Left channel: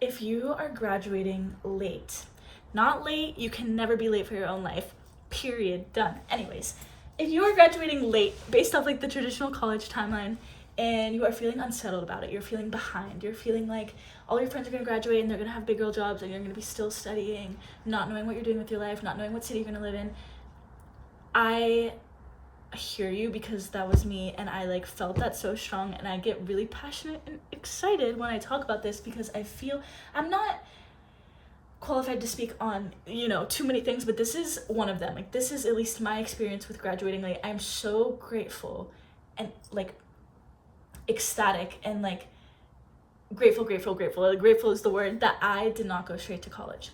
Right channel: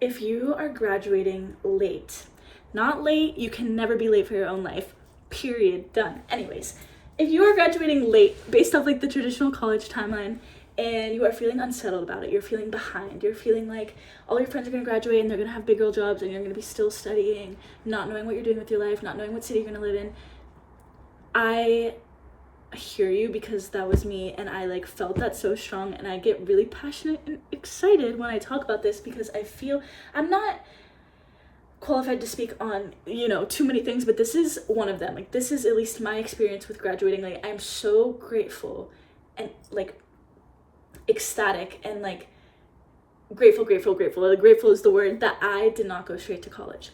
If you are graduating late, not late, you can never be late for your own life, period, done. Anyways, if you are graduating late based off like the traditional college timeline and you are feeling unsettled about it, you're feeling behind, you're feeling like all your friends are going to graduate and they're going to have big girl jobs and you're going to be still studying, not knowing what you're doing with your life, not knowing what city you're going to live in, I hear you, because that was me, and I like felt that so strong, and I get really passionate and excited when I talk about this because I feel I'm not qualified to speak on too many things, but this is one of them. Like, this is at least my experience with graduating. Like, I'm so grateful and like ecstatic and like grateful. Like, grateful is the word that I did not go straight to college.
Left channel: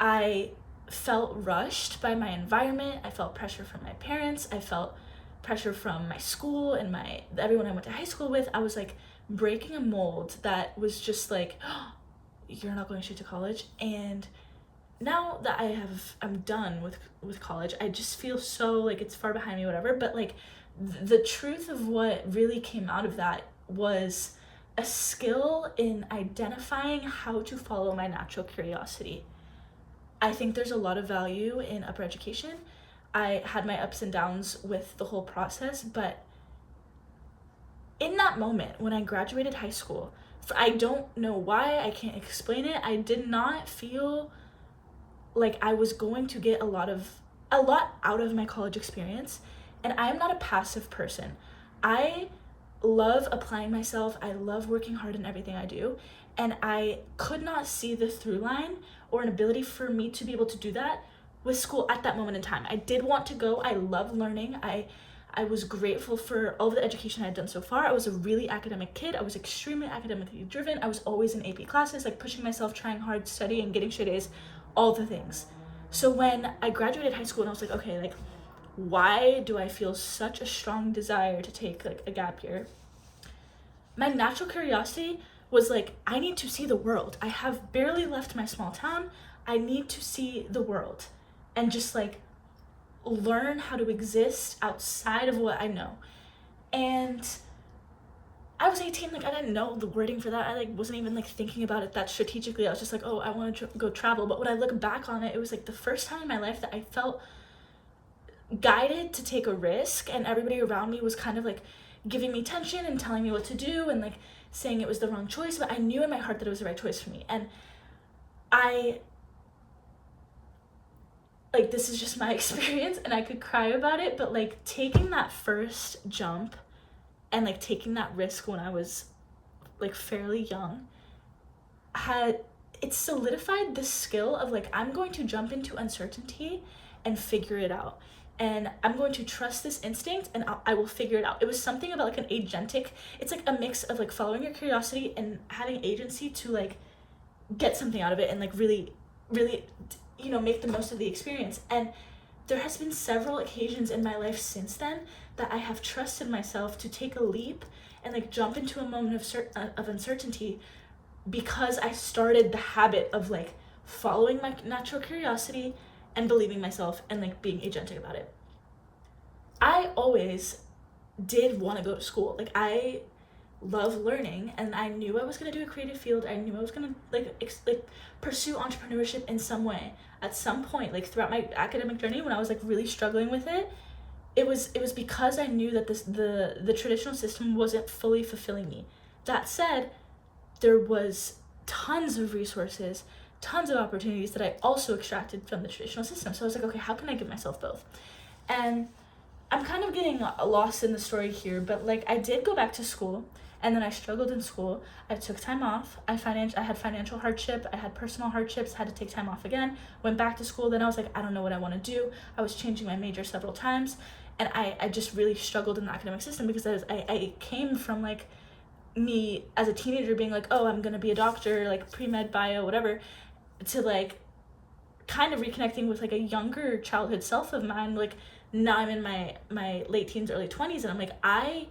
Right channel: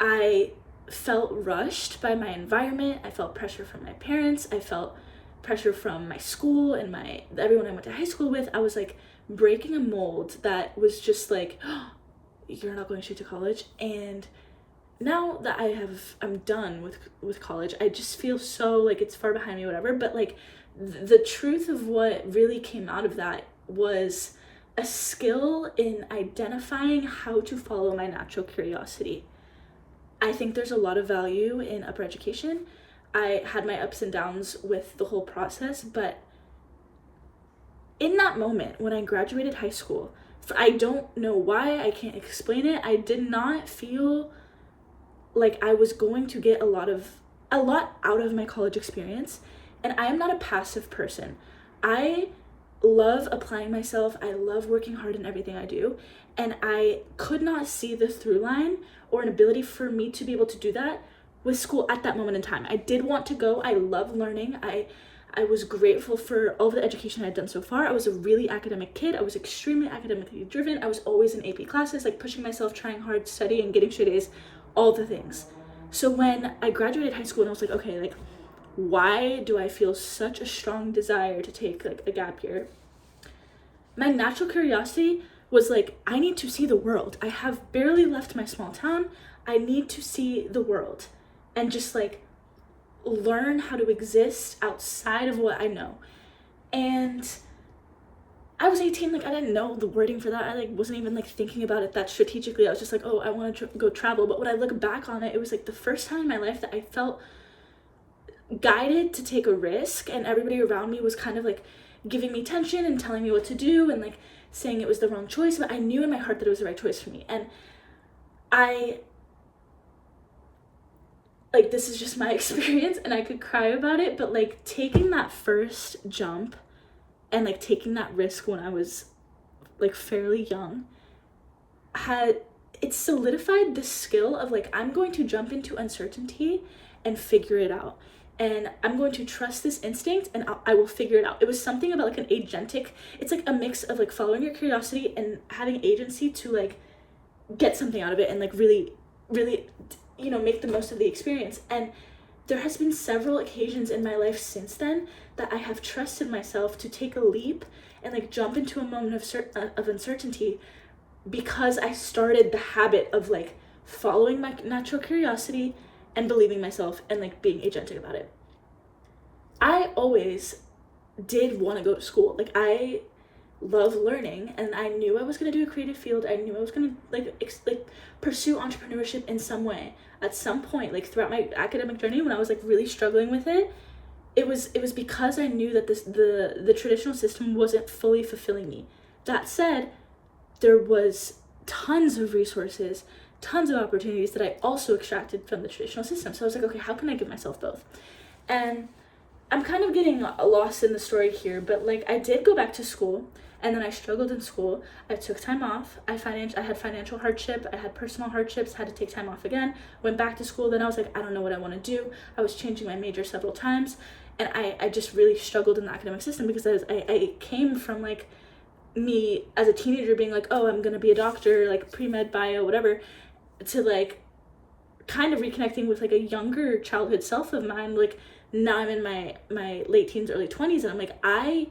I felt rushed by my environment. I felt pressure from my parents. I felt pressure from my school and everyone I went to high school with. I was like breaking a mold that was just like, oh, you're not going straight to college. And now that I'm done with college, I just feel so like it's far behind me, whatever. But like the truth of what really came out of that was a skill in identifying how to follow my natural curiosity. I think there's a lot of value in upper education. I had my ups and downs with the whole process, but in that moment when I graduated high school, I don't know why, I can't explain it, I did not feel like I was going to get a lot out of my college experience. And I am not a passive person. I love applying myself. I love working hard in everything I do. And I could not see the through line or an ability for me to be able to do that with school at that moment in time. I did want to go. I love learning. I was grateful for all of the education I had done so far. I was a really academic kid. I was extremely academically driven. I was always in AP classes, like pushing myself, trying hard, studying, getting straight A's, all the things. So when I graduated high school and I was like, okay, like, why do I feel such a strong desire to take like a gap year? My natural curiosity was like, I need to see the world. I have barely left my small town. I need to see the world and just like learn how to exist outside of what I know. And I was 18, like I didn't know the wording for that. I like wasn't even like thinking about it that strategically. I was just like, oh, I want to go travel. But when I look back on it, it was like the first time in my life that I felt guided to take a risk, and everybody around me was kind of like giving me tension and telling me what to do and like saying it was the wrong choice, but I knew in my heart that it was the right choice for me. And I like, this is just my experience and I could cry about it, but like taking that first jump and like taking that risk when I was like fairly young it solidified the skill of like, I'm going to jump into uncertainty and figure it out. And I'm going to trust this instinct and I will figure it out. It was something about like an agentic, it's like a mix of like following your curiosity and having agency to like get something out of it and like really, really, make the most of the experience. And there has been several occasions in my life since then that I have trusted myself to take a leap and like jump into a moment of uncertainty, because I started the habit of like following my natural curiosity and believing myself and like being agentic about it. I always did want to go to school. Like, I love learning, and I knew I was going to do a creative field. I knew I was going to like pursue entrepreneurship in some way at some point, like throughout my academic journey when I was like really struggling with it. It was because I knew that the traditional system wasn't fully fulfilling me. That said, there was tons of resources, tons of opportunities that I also extracted from the traditional system. So I was like, okay, how can I give myself both? And I'm kind of getting lost in the story here, but like I did go back to school, and then I struggled in school. I took time off. I had financial hardship. I had personal hardships, had to take time off again, went back to school. Then I was like, I don't know what I want to do. I was changing my major several times, and I just really struggled in the academic system because I came from like me as a teenager being like, oh, I'm going to be a doctor, like pre-med, bio, whatever, to like kind of reconnecting with like a younger childhood self of mine. Like, now I'm in my late teens, early 20s, and I'm like, I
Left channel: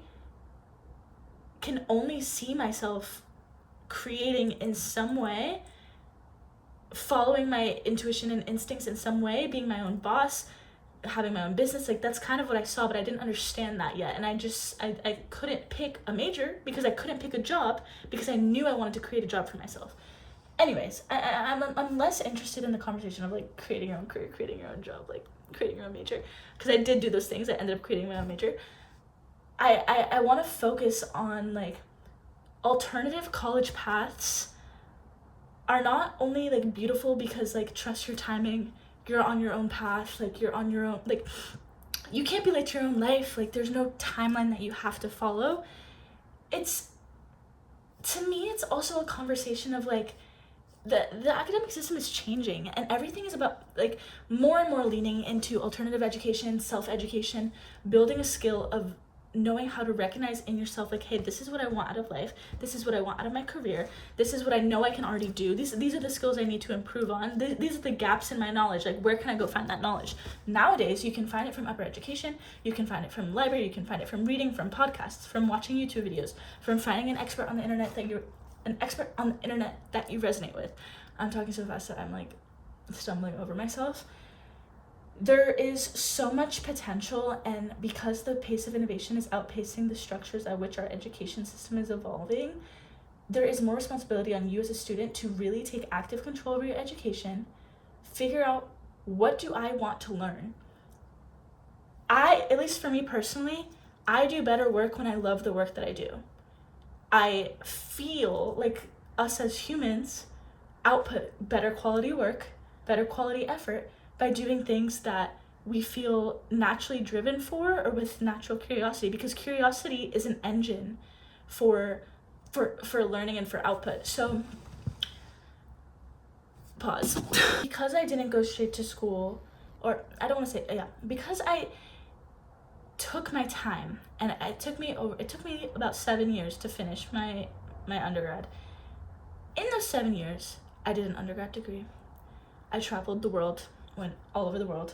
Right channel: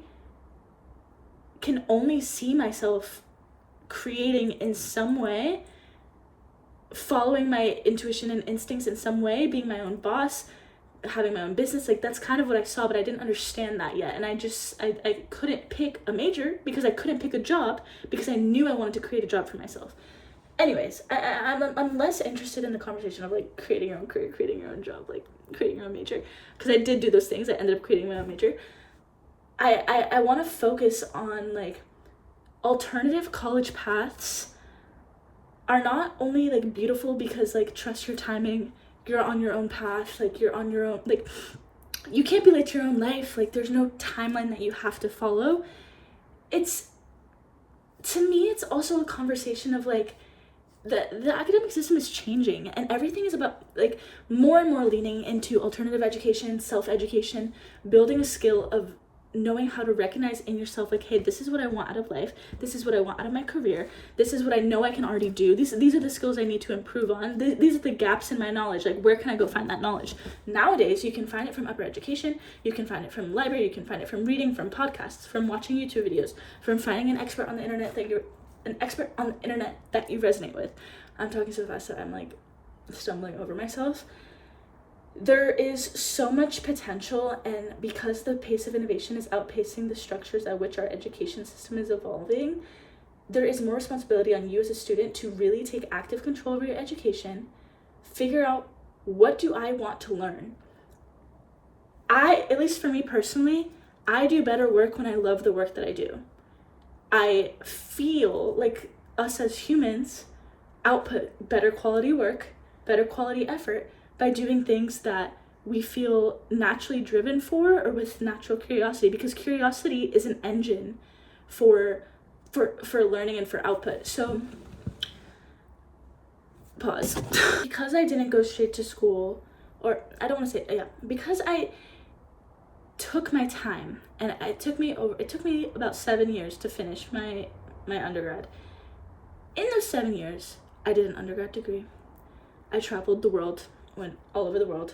can only see myself creating in some way, following my intuition and instincts in some way, being my own boss, having my own business. Like, that's kind of what I saw, but I didn't understand that yet. And I couldn't pick a major because I couldn't pick a job because I knew I wanted to create a job for myself. anyways, I'm less interested in the conversation of like creating your own career, creating your own job, like creating your own major, because I did do those things. I ended up creating my own major. I want to focus on like alternative college paths are not only like beautiful because like trust your timing, you're on your own path, like you're on your own, like you can't be late to your own life, like there's no timeline that you have to follow. It's, to me, it's also a conversation of like the academic system is changing, and everything is about like more and more leaning into alternative education, self-education, building a skill of knowing how to recognize in yourself like, hey, this is what I want out of life, this is what I want out of my career, this is what I know I can already do, these are the skills I need to improve on, these are the gaps in my knowledge, like where can I go find that knowledge? Nowadays you can find it from upper education, you can find it from library, you can find it from reading, from podcasts, from watching YouTube videos, from finding an expert on the internet that you resonate with. I'm talking so fast that I'm like stumbling over myself. There is so much potential, and because the pace of innovation is outpacing the structures at which our education system is evolving, there is more responsibility on you as a student to really take active control over your education, figure out what do I want to learn. At least for me personally, I do better work when I love the work that I do. I feel like us as humans output better quality work, better quality effort by doing things that we feel naturally driven for or with natural curiosity, because curiosity is an engine for learning and for output. So pause. Because I didn't go straight to school, or I don't want to say, yeah, because I took my time, and it took me about 7 years to finish my undergrad. In those 7 years, I did an undergrad degree. I traveled the world, went all over the world.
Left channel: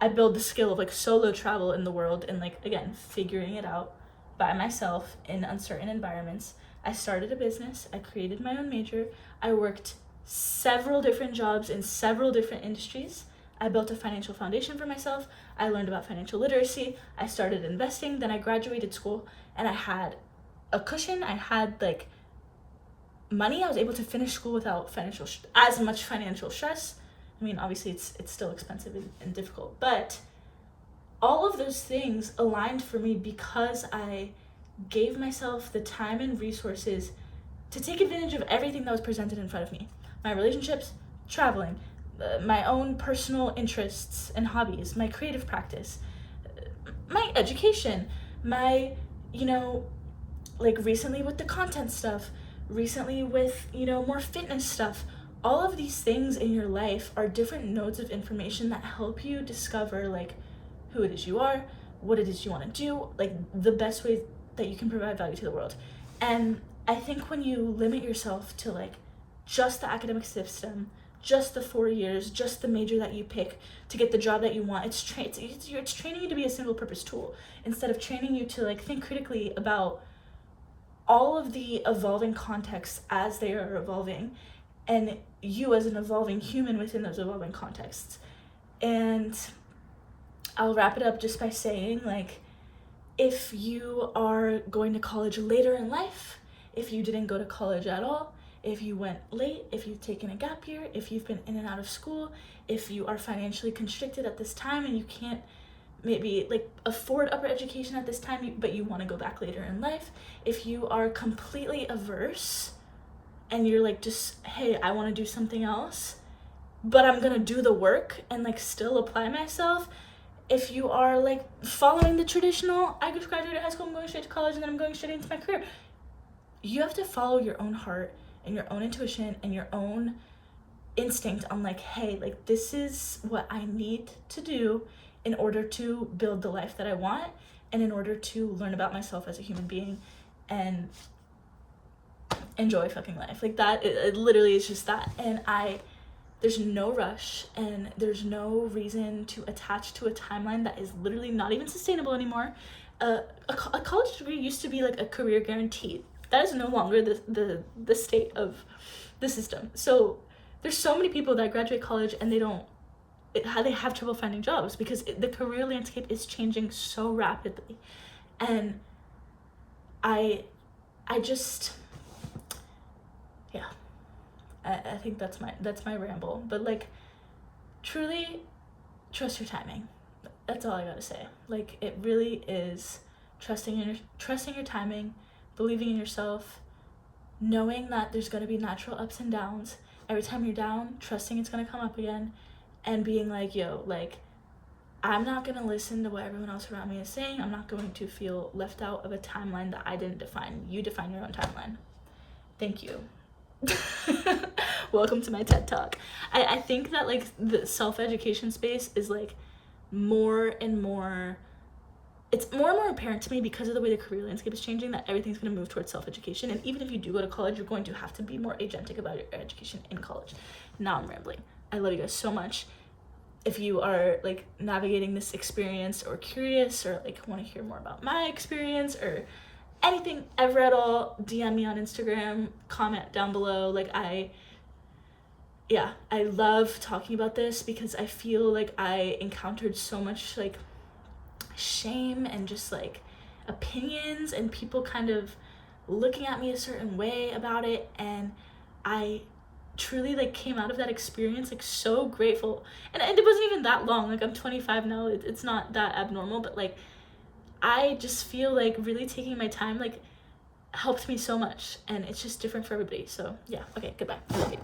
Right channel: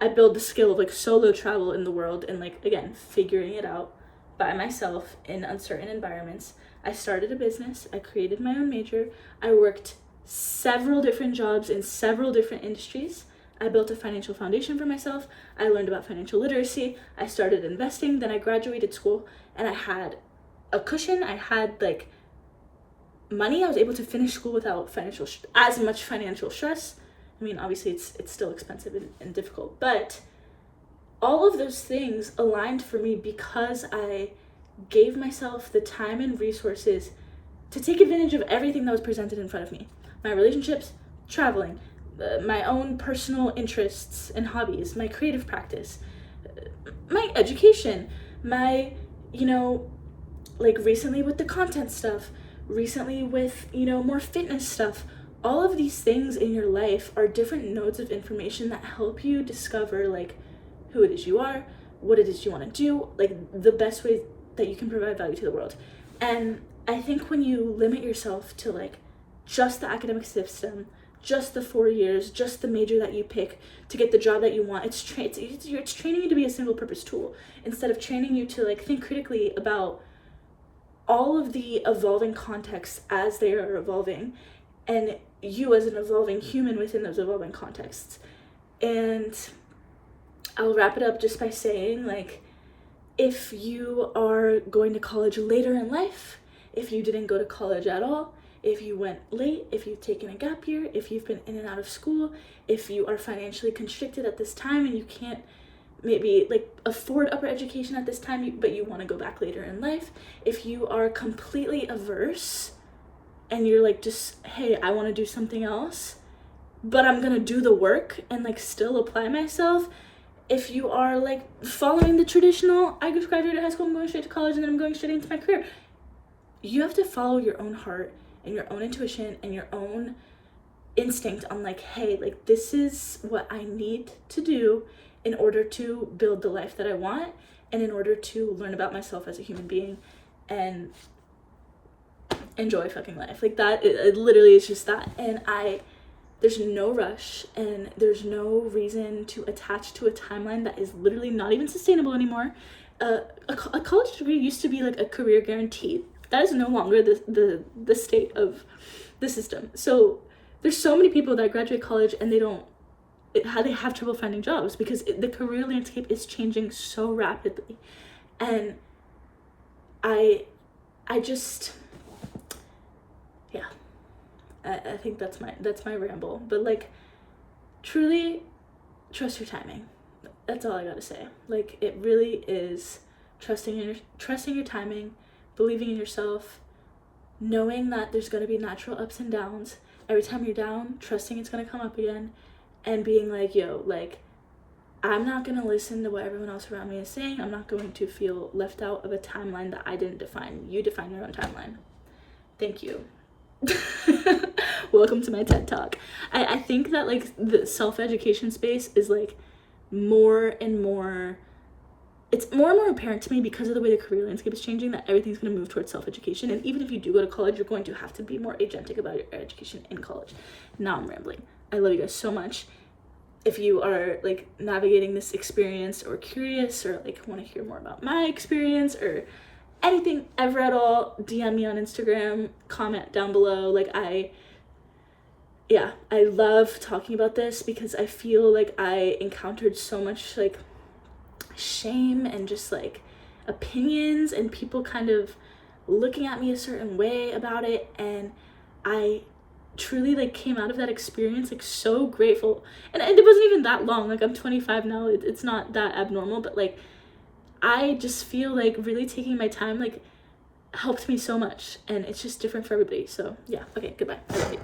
I built the skill of like solo travel in the world and like, again, figuring it out by myself in uncertain environments. I started a business. I created my own major. I worked several different jobs in several different industries. I built a financial foundation for myself. I learned about financial literacy. I started investing. Then I graduated school and I had a cushion. I had like money. I was able to finish school without as much financial stress. I mean, obviously it's still expensive and difficult, but all of those things aligned for me because I gave myself the time and resources to take advantage of everything that was presented in front of me. My relationships, traveling, my own personal interests and hobbies, my creative practice, my education, my, like recently with the content stuff, recently with, more fitness stuff. All of these things in your life are different nodes of information that help you discover like who it is you are, what it is you want to do, like the best way that you can provide value to the world. And I think when you limit yourself to like just the academic system, just the 4 years, just the major that you pick to get the job that you want, it's training you to be a single purpose tool instead of training you to like think critically about all of the evolving contexts as they are evolving, and you as an evolving human within those evolving contexts. And I'll wrap it up just by saying, like, if you are going to college later in life, if you didn't go to college at all, if you went late, if you've taken a gap year, if you've been in and out of school, if you are financially constricted at this time and you can't maybe like afford upper education at this time, but you want to go back later in life, if you are completely averse and you're like, just, hey, I want to do something else, but I'm gonna do the work and like still apply myself. If you are like following the traditional, I just graduated high school, I'm going straight to college, and then I'm going straight into my career, you have to follow your own heart and your own intuition and your own instinct on like, hey, like this is what I need to do in order to build the life that I want and in order to learn about myself as a human being and enjoy fucking life. Like that, it literally is just that. And there's no rush and there's no reason to attach to a timeline that is literally not even sustainable anymore. A college degree used to be like a career guarantee. That is no longer the state of the system. So there's so many people that graduate college and they have trouble finding jobs because the career landscape is changing so rapidly. And I just, yeah, I think that's my ramble. But like, truly trust your timing. That's all I gotta say. Like, it really is trusting your timing, believing in yourself, knowing that there's gonna be natural ups and downs. Every time you're down, trusting it's gonna come up again, and being like, yo, like, I'm not gonna listen to what everyone else around me is saying. I'm not going to feel left out of a timeline that I didn't define. You define your own timeline. Thank you. Welcome to my TED Talk. I think that like the self-education space is like more and more, it's more and more apparent to me because of the way the career landscape is changing, that everything's going to move towards self-education. And even if you do go to college, you're going to have to be more agentic about your education in college. Now I'm rambling. I love you guys so much. If you are like navigating this experience or curious or like want to hear more about my experience or anything ever at all, DM me on Instagram, comment down below. Like, I love talking about this because I feel like I encountered so much like shame and just like opinions and people kind of looking at me a certain way about it, and I truly like came out of that experience like so grateful. And it wasn't even that long, like I'm 25 now, it's not that abnormal, but like I just feel like really taking my time like helped me so much, and it's just different for everybody. So yeah, okay, goodbye. I love you.